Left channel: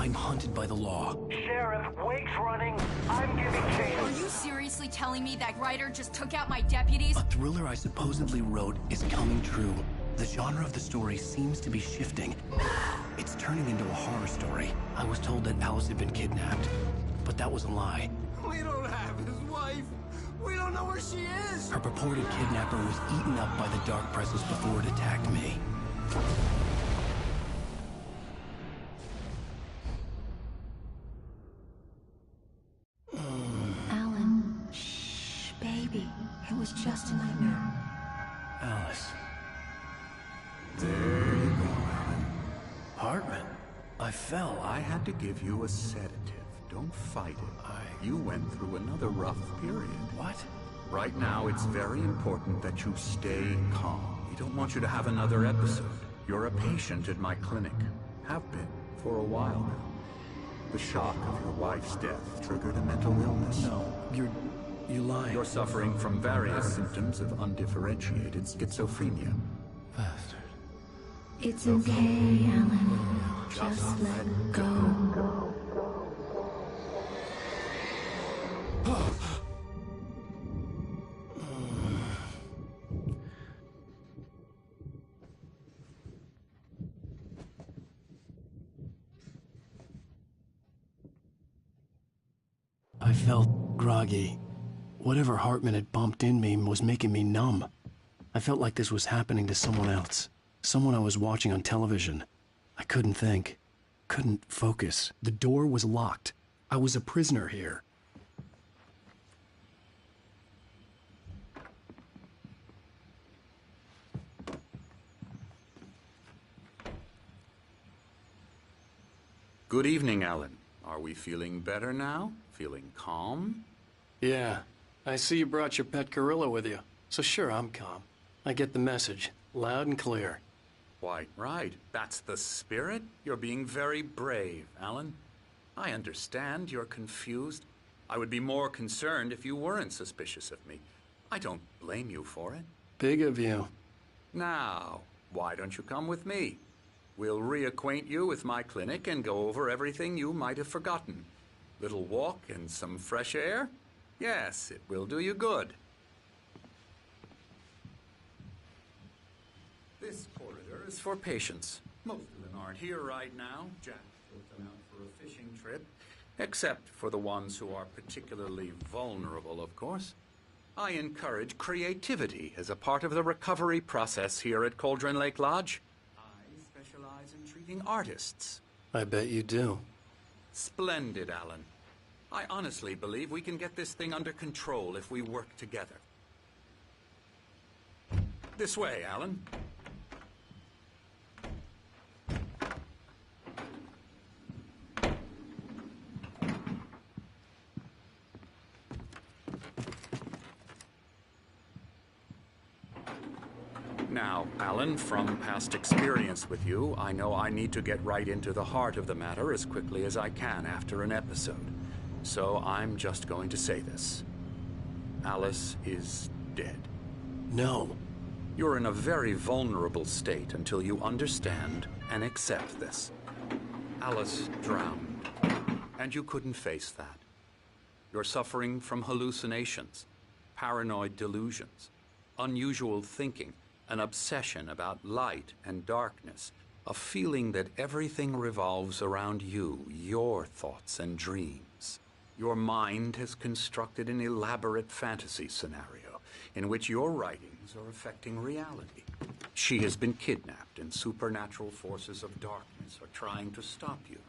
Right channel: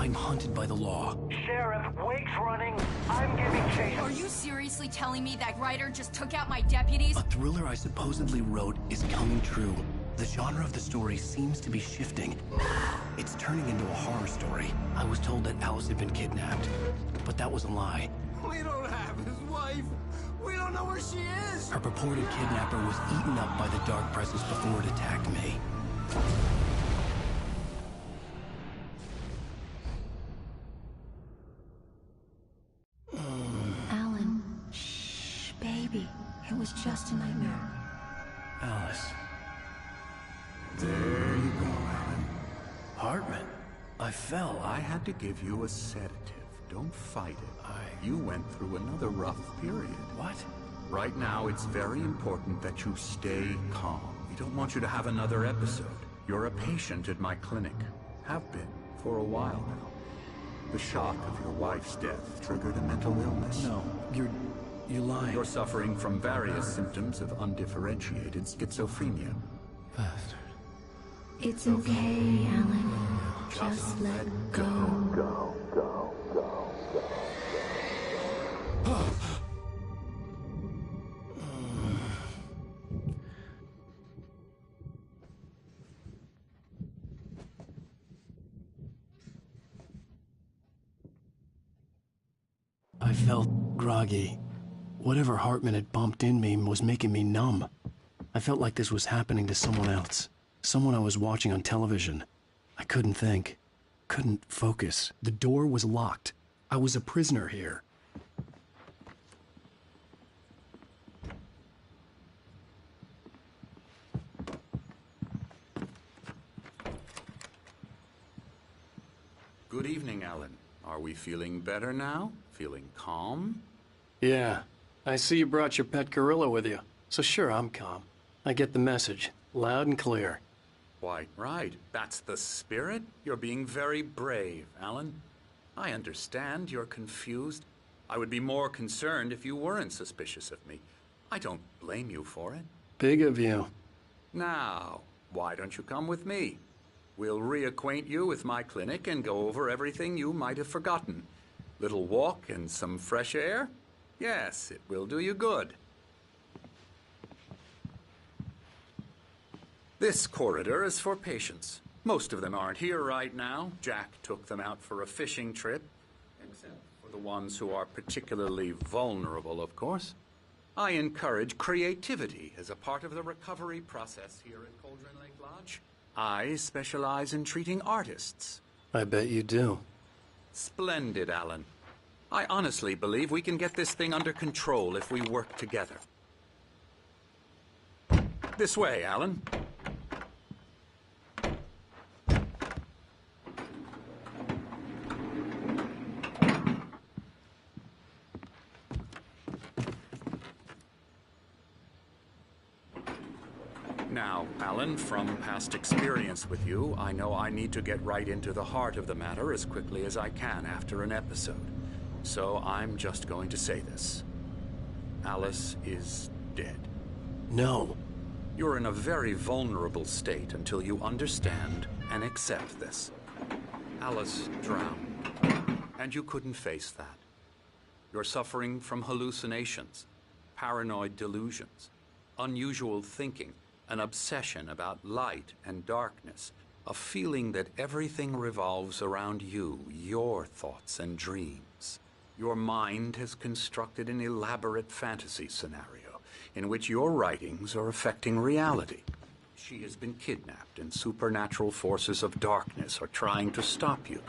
I'm hunted by the law. Sheriff, Wake's running. I'm giving chase. Are you seriously telling me that writer just took out my deputies? A thriller I supposedly wrote is coming true. The genre of the story seems to be shifting. It's turning into a horror story. I was told that Alice had been kidnapped, but that was a lie. We don't have his wife. We don't know where she is. Her purported kidnapper was eaten up by the dark presence before it attacked me. Alan, shh, baby. It was just a nightmare. Alice. There you go, Alan. Hartman. I fell. I had to give you a sedative. Don't fight it. You went through another rough period. What? Right now, it's very important that you stay calm. We don't want you to have another episode. You're a patient at my clinic. Have been for a while now. The shock of your wife's death triggered a mental illness. No, you're lying. You're suffering from various symptoms of undifferentiated schizophrenia. Bastard. It's okay, Alan. Just let go. I felt groggy. Whatever Hartman had bumped in me was making me numb. I felt like this was happening to someone else. Someone I was watching on television. I couldn't think. Couldn't focus. The door was locked. I was a prisoner here. Good evening, Alan. Are we feeling better now? Feeling calm? Yeah. I see you brought your pet gorilla with you. So sure, I'm calm. I get the message. Loud and clear. Quite right. That's the spirit. You're being very brave, Alan. I understand you're confused. I would be more concerned if you weren't suspicious of me. I don't blame you for it. Big of you. Now, why don't you come with me? We'll reacquaint you with my clinic and go over everything you might have forgotten. Little walk and some fresh air? Yes, it will do you good. This corridor is for patients. Most of them aren't here right now. Jack took them out for a fishing trip, except for the ones who are particularly vulnerable, of course. I encourage creativity as a part of the recovery process here at Cauldron Lake Lodge. I specialize in treating artists. I bet you do. Splendid, Alan. I honestly believe we can get this thing under control if we work together. This way, Alan. Now, Alan, from past experience with you, I know I need to get right into the heart of the matter as quickly as I can after an episode. So I'm just going to say this. Alice is dead. No. You're in a very vulnerable state until you understand and accept this. Alice drowned, and you couldn't face that. You're suffering from hallucinations, paranoid delusions, unusual thinking, an obsession about light and darkness, a feeling that everything revolves around you, your thoughts and dreams. Your mind has constructed an elaborate fantasy scenario in which your writings are affecting reality. She has been kidnapped, and supernatural forces of darkness are trying to stop you.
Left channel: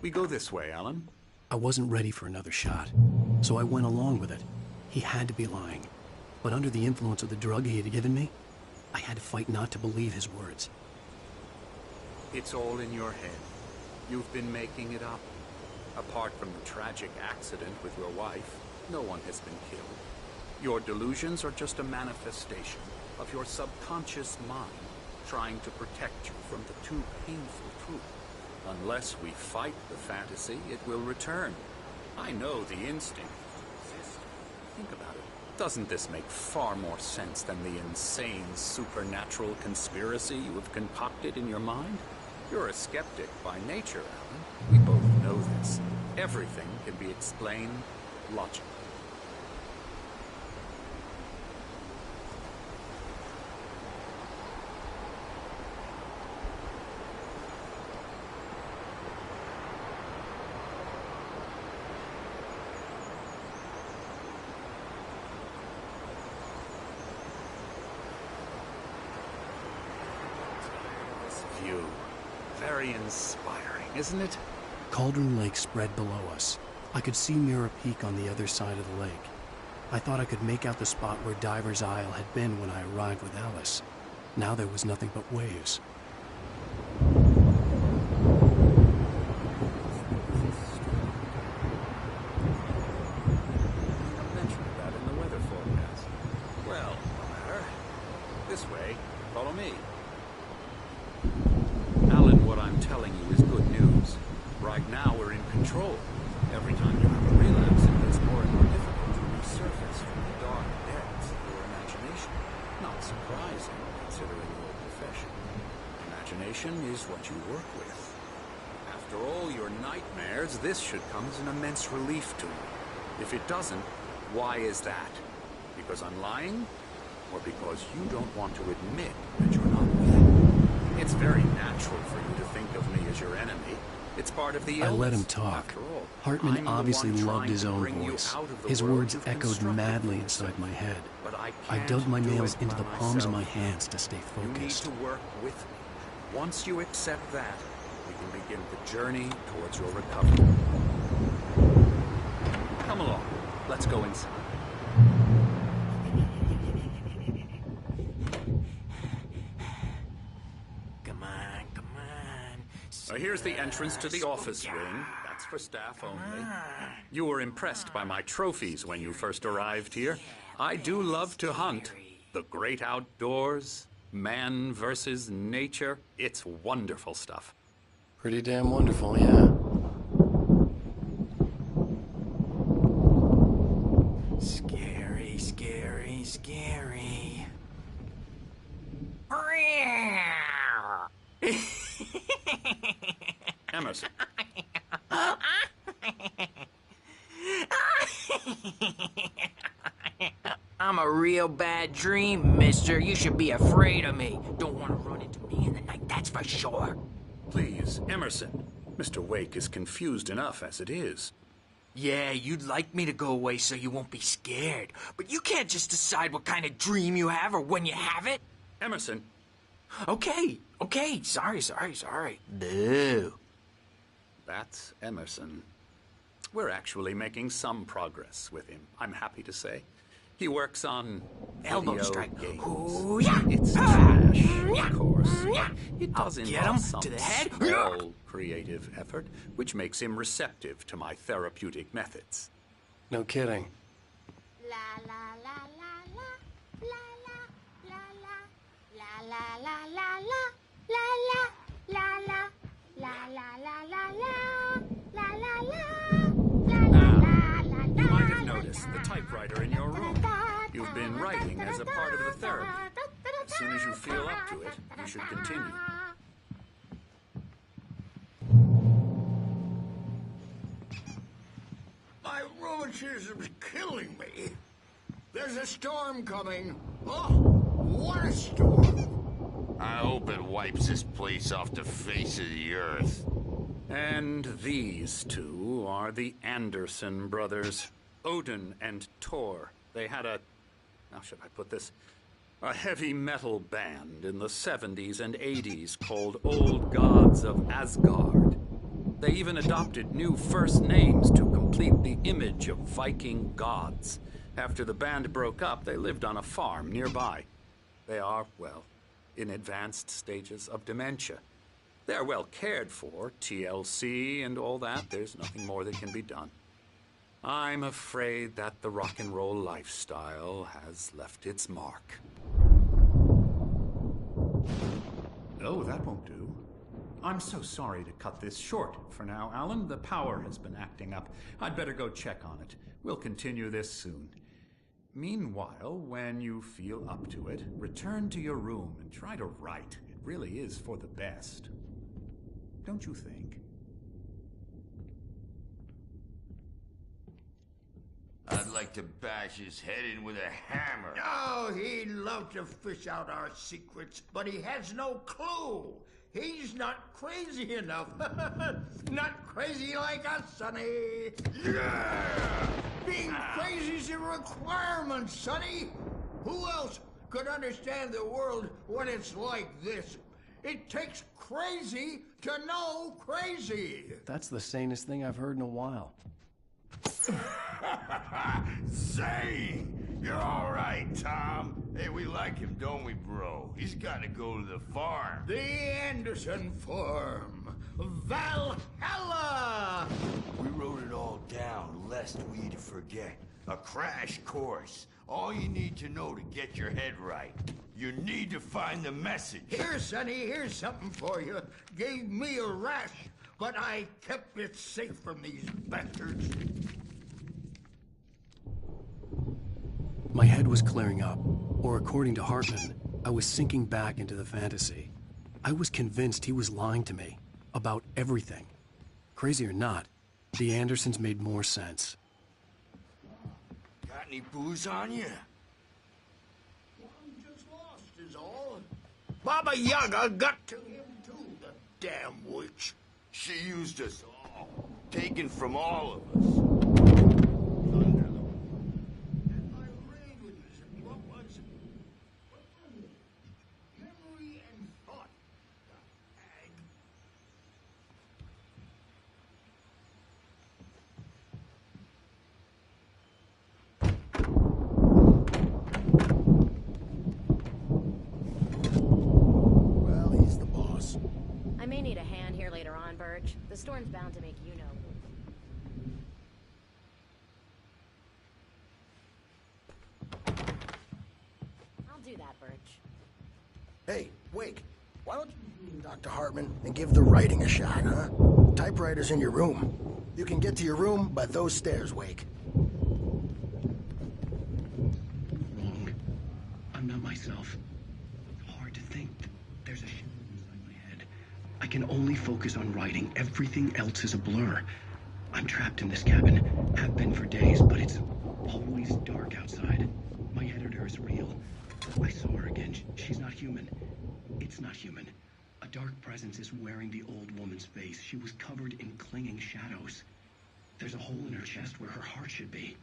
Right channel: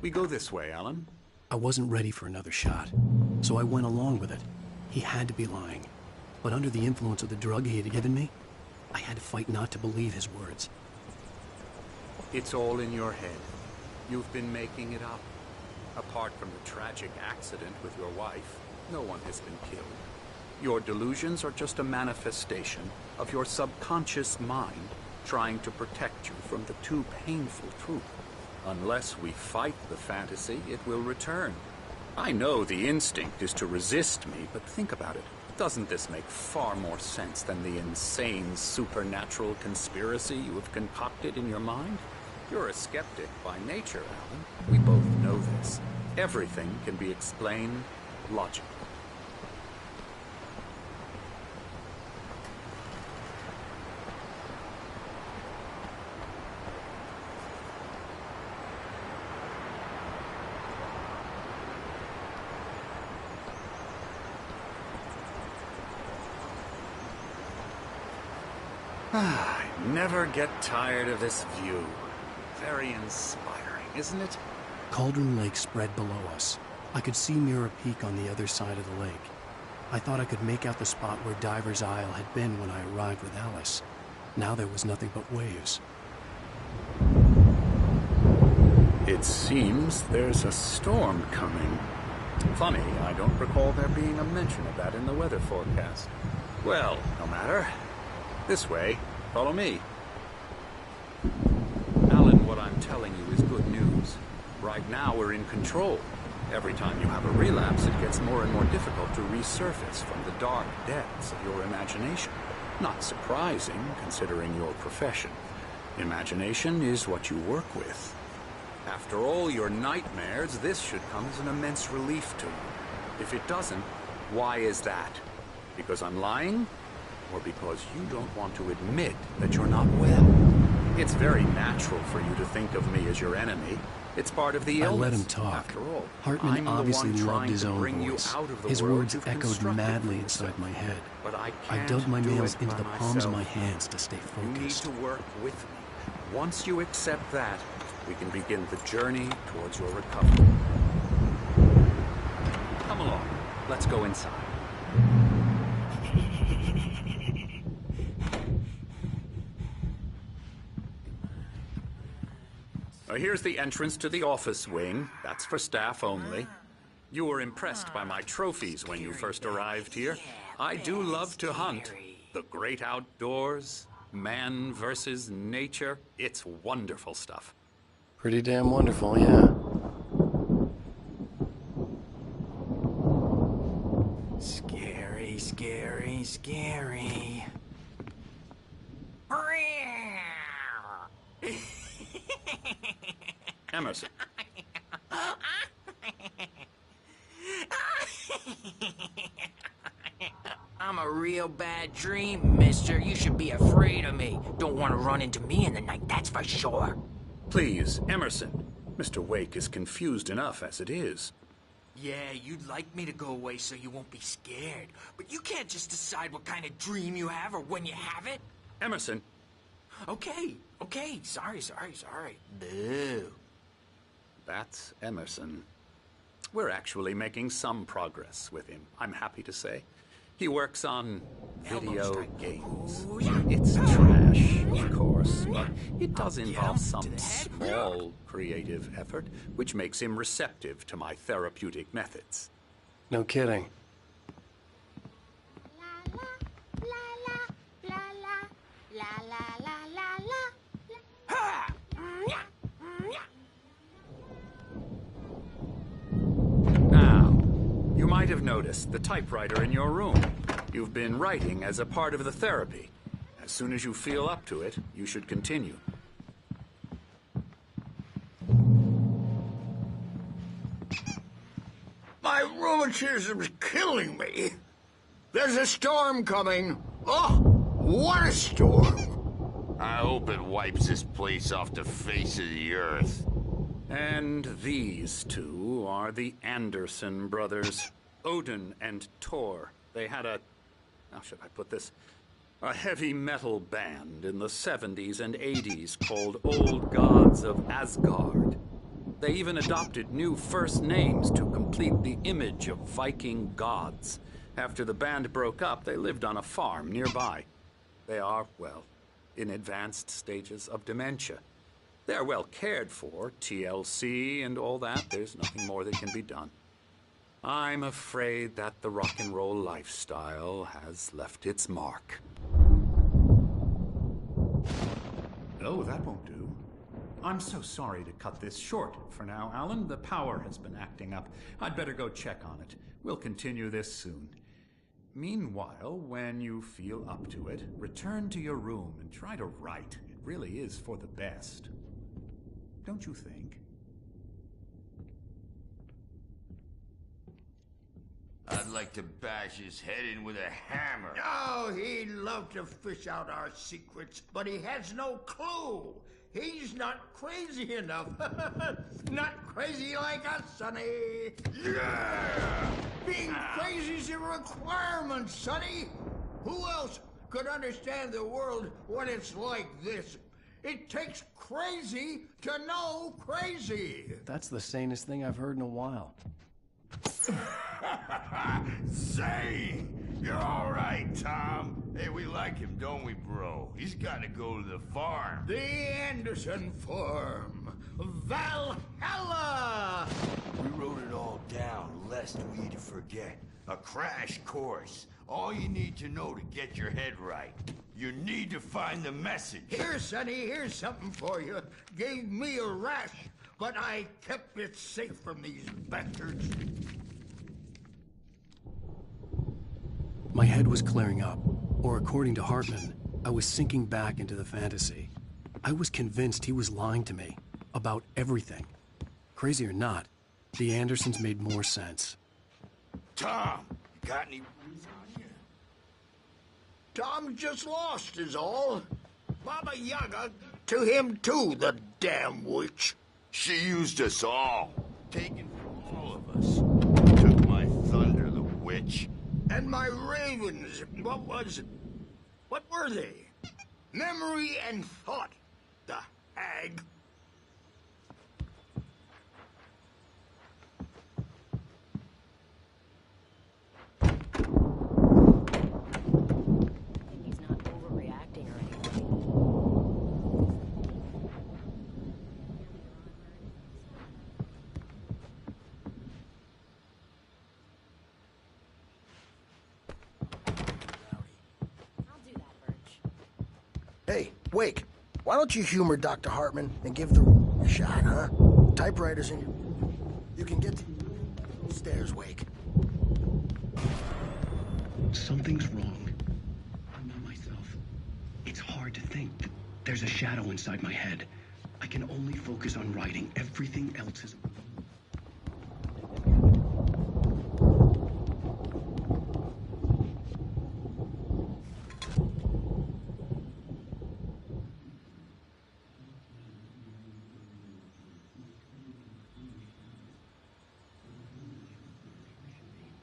We go this way, Alan. I wasn't ready for another shot, so I went along with it. He had to be lying. But under the influence of the drug he had given me, I had to fight not to believe his words. It's all in your head. You've been making it up. Apart from the tragic accident with your wife, no one has been killed. Your delusions are just a manifestation of your subconscious mind trying to protect you from the too painful truth. Unless we fight the fantasy, it will return. I know the instinct is to resist me, but think about it. Doesn't this make far more sense than the insane supernatural conspiracy you have concocted in your mind? You're a skeptic by nature, Alan. We both know this. Everything can be explained logically. I never get tired of this view. Very inspiring, isn't it? Cauldron Lake spread below us. I could see Mirror Peak on the other side of the lake. I thought I could make out the spot where Diver's Isle had been when I arrived with Alice. Now there was nothing but waves. It seems there's a storm coming. Funny, I don't recall there being a mention of that in the weather forecast. Well, no matter. This way. Follow me. Alan, what I'm telling you is good news. Right now, we're in control. Every time you have a relapse, it gets more and more difficult to resurface from the dark depths of your imagination. Not surprising, considering your profession. Imagination is what you work with. After all your nightmares, this should come as an immense relief to you. If it doesn't, why is that? Because I'm lying? Or because you don't want to admit that you're not well? It's very natural for you to think of me as your enemy. It's part of the illness. I let him talk. After all, Hartman I'm obviously the one loved his trying to own bring you voice. out of the His world words you've echoed constructed madly for inside yourself. my head. But I I can't dug my do nails it into by the palms of myself. my hands to stay You need focused. to work with me. Once you accept that, we can begin the journey towards your recovery. Come along. Let's go inside. Here's the entrance to the office wing. That's for staff only. You were impressed by my trophies when you first arrived here. I do love to hunt. The great outdoors, man versus nature. It's wonderful stuff. Pretty damn wonderful, yeah. Scary, scary, scary. Emerson. I'm a real bad dream, mister. You should be afraid of me. Don't want to run into me in the night, that's for sure. Please, Emerson. Mr. Wake is confused enough as it is. Yeah, you'd like me to go away so you won't be scared. But you can't just decide what kind of dream you have or when you have it. Emerson. Okay. Sorry. Boo. That's Emerson. We're actually making some progress with him, I'm happy to say. He works on Elbow video strike. games. Ooh, yeah. It's trash, of course, but it does I'll get involve him some to the head. small creative effort, which makes him receptive to my therapeutic methods. No kidding. Now, you might have noticed the typewriter in your room. You've been writing as a part of the therapy. As soon as you feel up to it, you should continue. My rheumatism's killing me. There's a storm coming. Oh, what a storm. I hope it wipes this place off the face of the earth. And these two are the Anderson brothers, Odin and Tor. They had how should I put this? A heavy metal band in the 70s and 80s called Old Gods of Asgard. They even adopted new first names to complete the image of Viking gods. After the band broke up, they lived on a farm nearby. They are, well, in advanced stages of dementia. They're well cared for, TLC and all that. There's nothing more that can be done. I'm afraid that the rock and roll lifestyle has left its mark. Oh, that won't do. I'm so sorry to cut this short for now, Alan. The power has been acting up. I'd better go check on it. We'll continue this soon. Meanwhile, when you feel up to it, return to your room and try to write. It really is for the best. Don't you think? I'd like to bash his head in with a hammer. Oh, he'd love to fish out our secrets, but he has no clue. He's not crazy enough. Not crazy like us, Sonny. Yeah! Being crazy's a requirement, Sonny. Who else could understand the world when it's like this? It takes crazy to know crazy. That's the sanest thing I've heard in a while. Zane! You're all right, Tom. Hey, we like him, don't we, bro? He's got to go to the farm. The Anderson farm. Valhalla! We wrote it all down, lest we forget. A crash course. All you need to know to get your head right. You need to find the message. Here, Sonny, here's something for you. Gave me a rash, but I kept it safe from these bastards. My head was clearing up, or according to Hartman, I was sinking back into the fantasy. I was convinced he was lying to me about everything. Crazy or not, the Andersons made more sense. Tom, got any booze on you? Tom just lost is all. Baba Yaga got to him too, the damn witch. She used us all. Taken from all of us. Took my thunder, the witch. And my ravens, what were they? Memory and thought, the hag. He's not overreacting or anything. Well, he's the boss. I may need a hand here later on, Birch. The storm's bound to make you know. I'll do that, Birch. Hey, Wake, why don't you humor Dr. Hartman and give the writing a shot, huh? Typewriter's in your room. You can get to your room by those stairs, Wake. Something's wrong. I'm not myself. It's hard to think that there's a shadow inside my head. I can only focus on writing. Everything else is a blur. I'm trapped in this cabin. Have been for days, but it's always dark outside. My editor is real. I saw her again. She's not human. It's not human. A dark presence is wearing the old woman's face. She was covered in clinging shadows. There's a hole in her chest where her heart should be.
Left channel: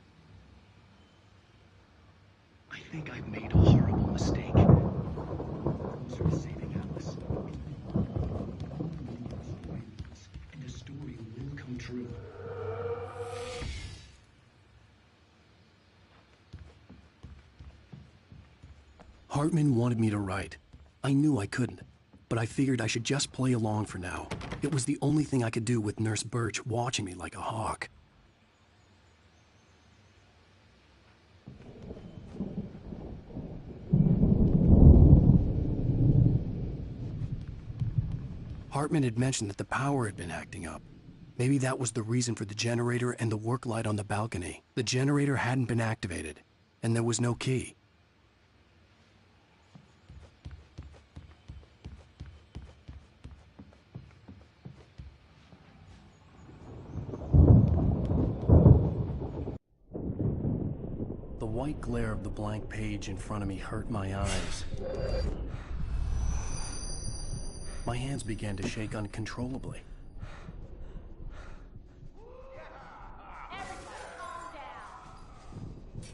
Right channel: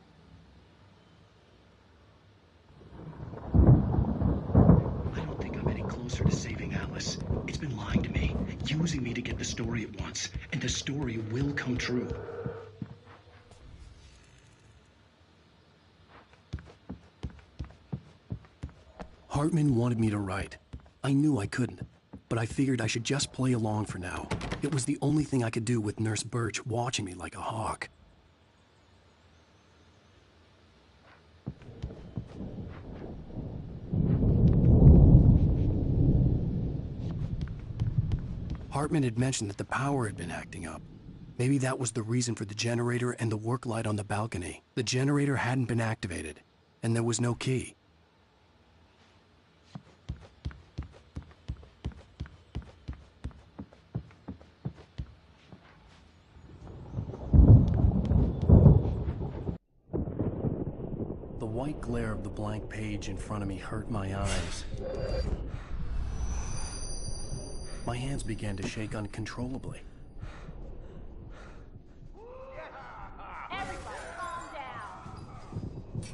I think I've made a horrible mistake. I don't think I'm any closer to saving Alice. It's been lying to me, using me to get the story it wants, and the story will come true. Hartman wanted me to write. I knew I couldn't, but I figured I should just play along for now. It was the only thing I could do with Nurse Birch watching me like a hawk. Hartman had mentioned that the power had been acting up. Maybe that was the reason for the generator and the work light on the balcony. The generator hadn't been activated, and there was no key. The white glare of the blank page in front of me hurt my eyes. My hands began to shake uncontrollably. Everybody calm down.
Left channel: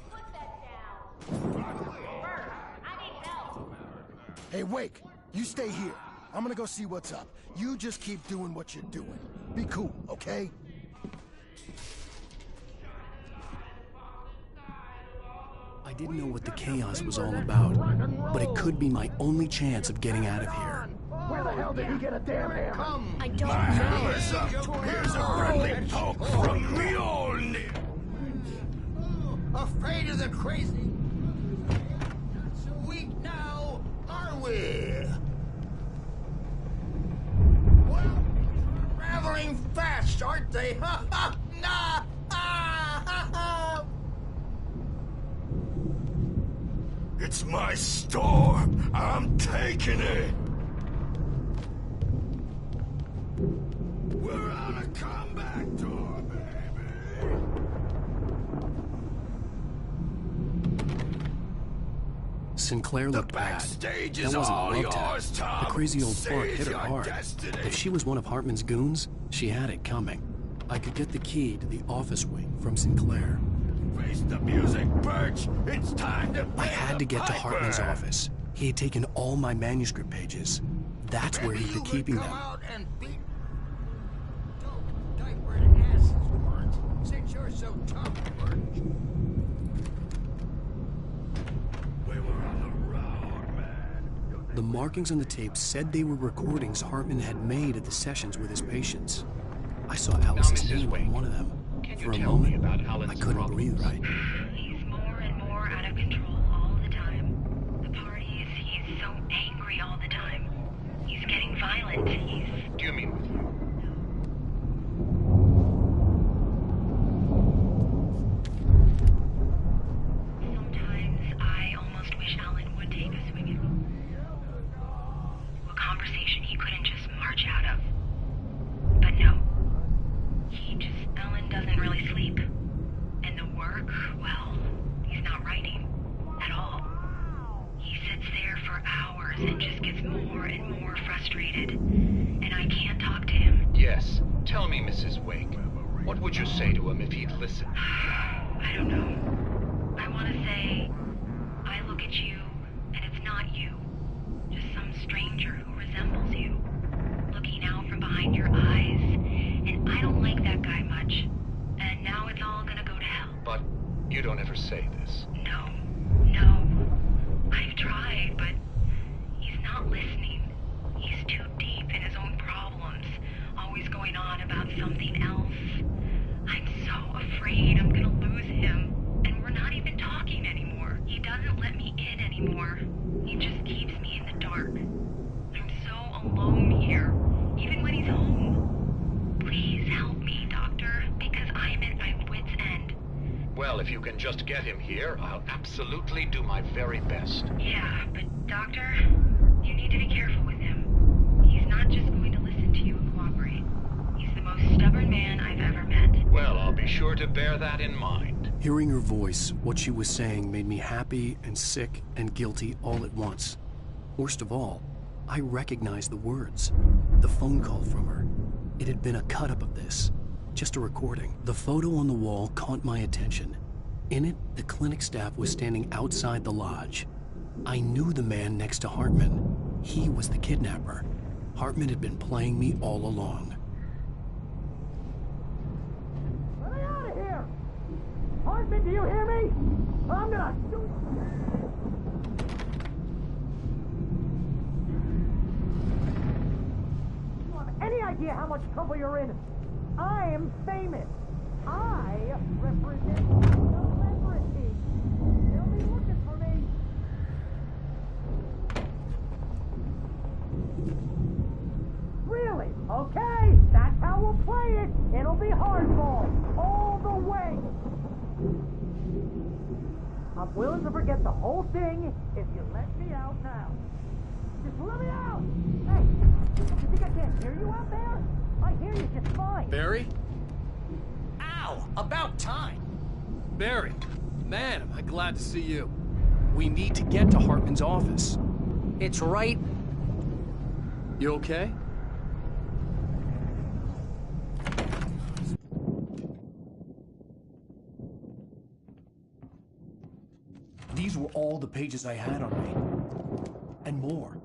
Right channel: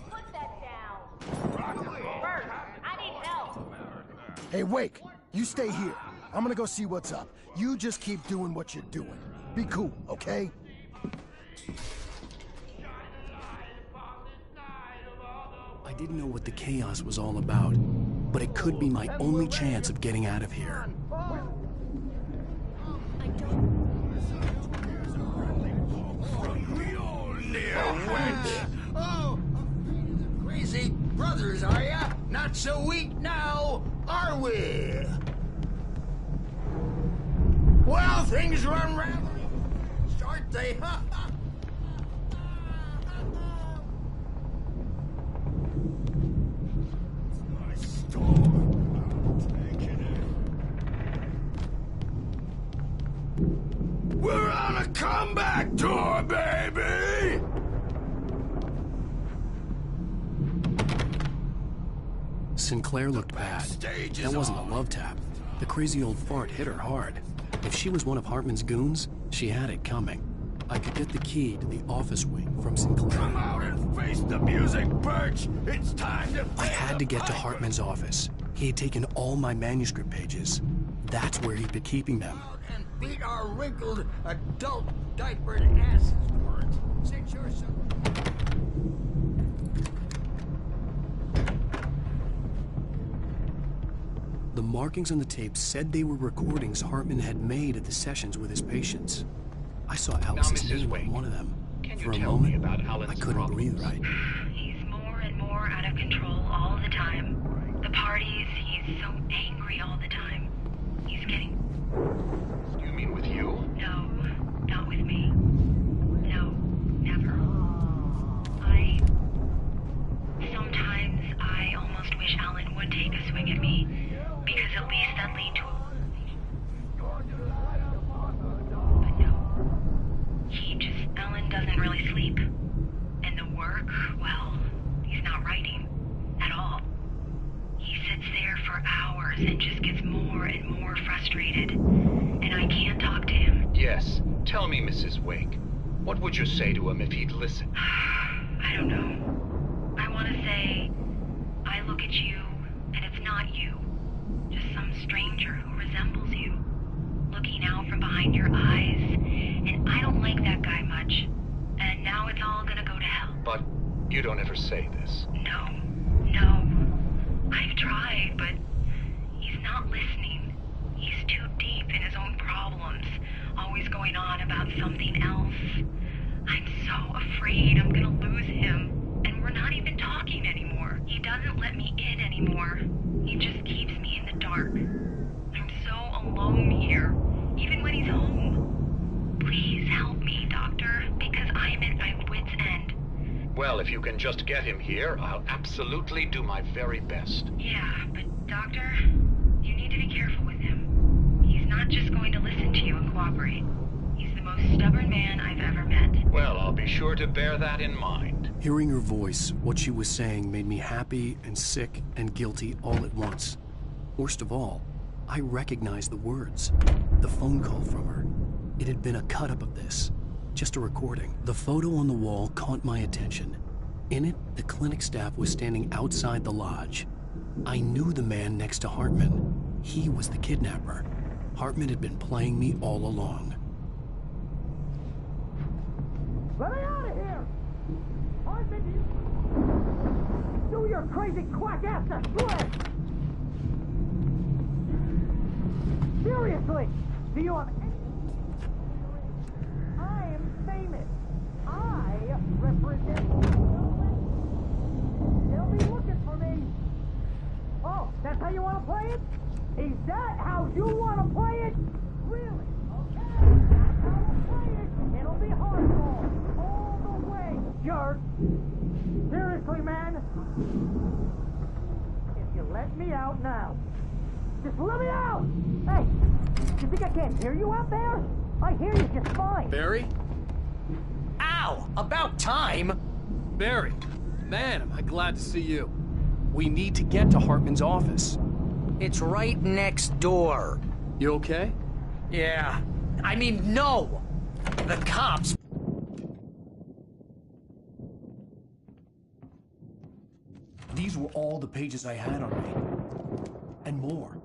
Put that down. Birch, I need help. Hey, Wake, you stay here. I'm gonna go see what's up. You just keep doing what you're doing. Be cool, okay? I didn't know what the chaos was all about, but it could be my only chance of getting out of here. Where the hell did he get a damn hammer? I don't know. Here's a friendly poke from Mjolnir, wench. Oh, afraid of the crazy brothers, are ya? Not so weak now, are we? Well, things are unraveling fast, aren't they? Ha ha! Nah! Ah, ha, ha. It's my store. I'm taking it. We're on a comeback tour, baby! Sinclair looked bad. That wasn't a love tap. The crazy old fart hit her hard. If she was one of Hartman's goons, she had it coming. I could get the key to the office wing from Sinclair. Come out and face the music, Birch! It's time to I had to get to Hartman's office. He had taken all my manuscript pages. That's where he'd be keeping them. Come out and beat our wrinkled, adult, diapered asses for it, since you're so tough. The markings on the tape said they were recordings Hartman had made at the sessions with his patients. I saw Alice's name on one of them. For a moment, I couldn't breathe right. He's more and more out of control all the time. The parties, he's so angry all the time. He's getting violent. Do you mean with you? No, not with me. No, never. Sometimes I almost wish Alan would take a swing at me, because at least that lead to a conversation he couldn't just march out of. But no. Alan doesn't really sleep. And the work, well, he's not writing at all. He sits there for hours and just gets more and more frustrated. And I can't talk to him. Yes. Tell me, Mrs. Wake. What would you say to him if he'd listen? I don't know. I want to say, I look at you, and it's not you. Just some stranger who resembles you. Looking out from behind your eyes. And I don't like that guy much. And now it's all gonna go to hell. But you don't ever say this. No. I've tried, but he's not listening. He's too deep in his own problems, always going on about something else. I'm so afraid I'm gonna lose him, and we're not even talking anymore. He doesn't let me in anymore. He just keeps me in the dark. I'm so alone here, even when he's home. Please help me, Doctor, because I'm at my wit's end. Well, if you can just get him here, I'll absolutely do my very best. Yeah, but Doctor, you need to be careful with him. He's not just going to listen to you and cooperate. He's the most stubborn man I've ever met. Well, I'll be sure to bear that in mind. Hearing her voice, what she was saying made me happy and sick and guilty all at once. Worst of all, I recognized the words. The phone call from her. It had been a cut-up of this. Just a recording. The photo on the wall caught my attention. In it, the clinic staff was standing outside the lodge. I knew the man next to Hartman. He was the kidnapper. Hartman had been playing me all along. Let me out of here! Hartman, do you hear me? I'm gonna sue your crazy quack ass to shreds! Seriously, do you have any idea how much trouble you're in? I am famous. I represent celebrity. They'll be looking for me. Oh, that's how you want to play it? Is that how you want to play it? Really? Okay, that's how we'll play it. It'll be hardball. All the way, jerk. Seriously, man, I'm willing to forget the whole thing if you let me out now. Just let me out! Hey, you think I can't hear you out there? I hear you just fine. Barry? Ow! About time! Barry, man, am I glad to see you. We need to get to Hartman's office. It's right next door. You okay? Yeah. I mean, no! The cops... These were all the pages I had on me. And more.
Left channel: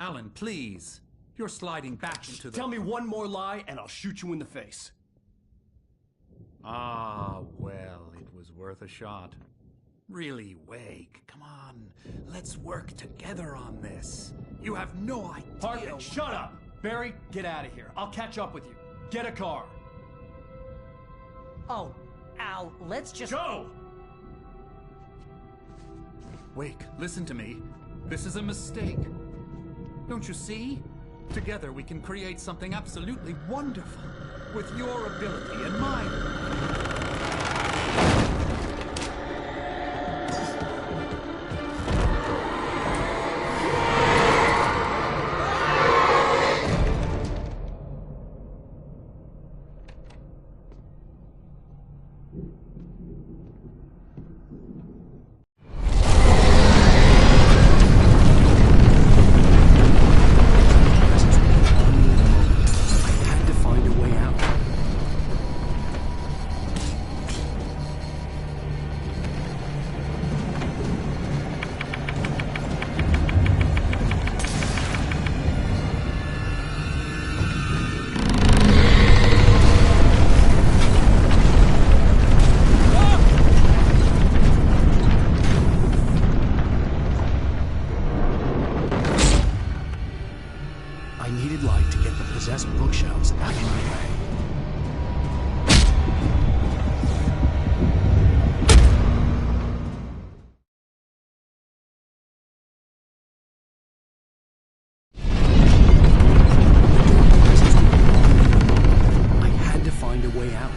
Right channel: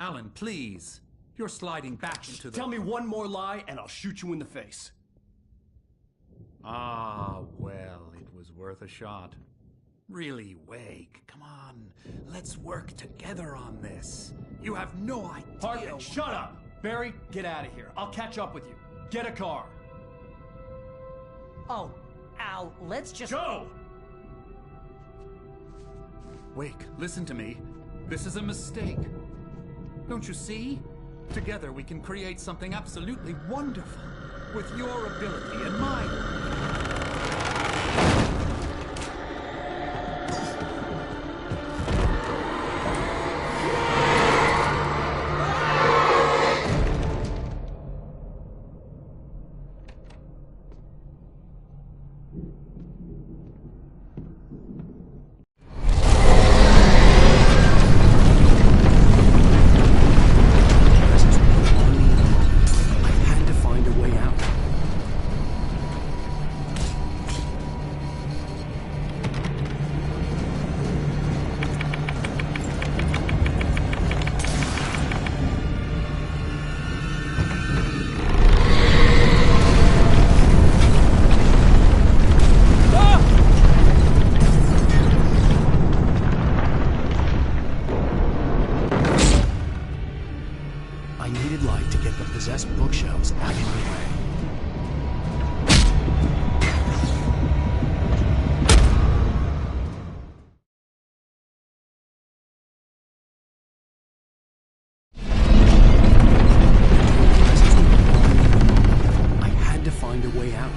Alan, please. You're sliding back into the... Tell me one more lie and I'll shoot you in the face. Ah, well, it was worth a shot. Really, Wake, come on. Let's work together on this. You have no idea... Hartman, shut up! Barry, get out of here. I'll catch up with you. Get a car. Oh, Al, let's just... Go! Wake, listen to me. This is a mistake. Don't you see? Together we can create something absolutely wonderful. With your ability and mine. I needed light to get the possessed bookshelves out of my way. I had to find a way out.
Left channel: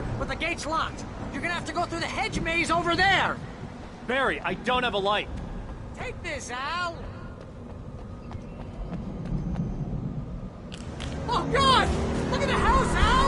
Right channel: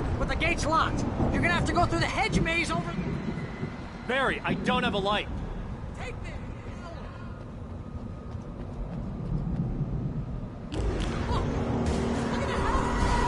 door, but the gate's locked. You're gonna have to go through the hedge maze over there. Barry, I don't have a light. Take this, Al. Oh, God! Look at the house, Al!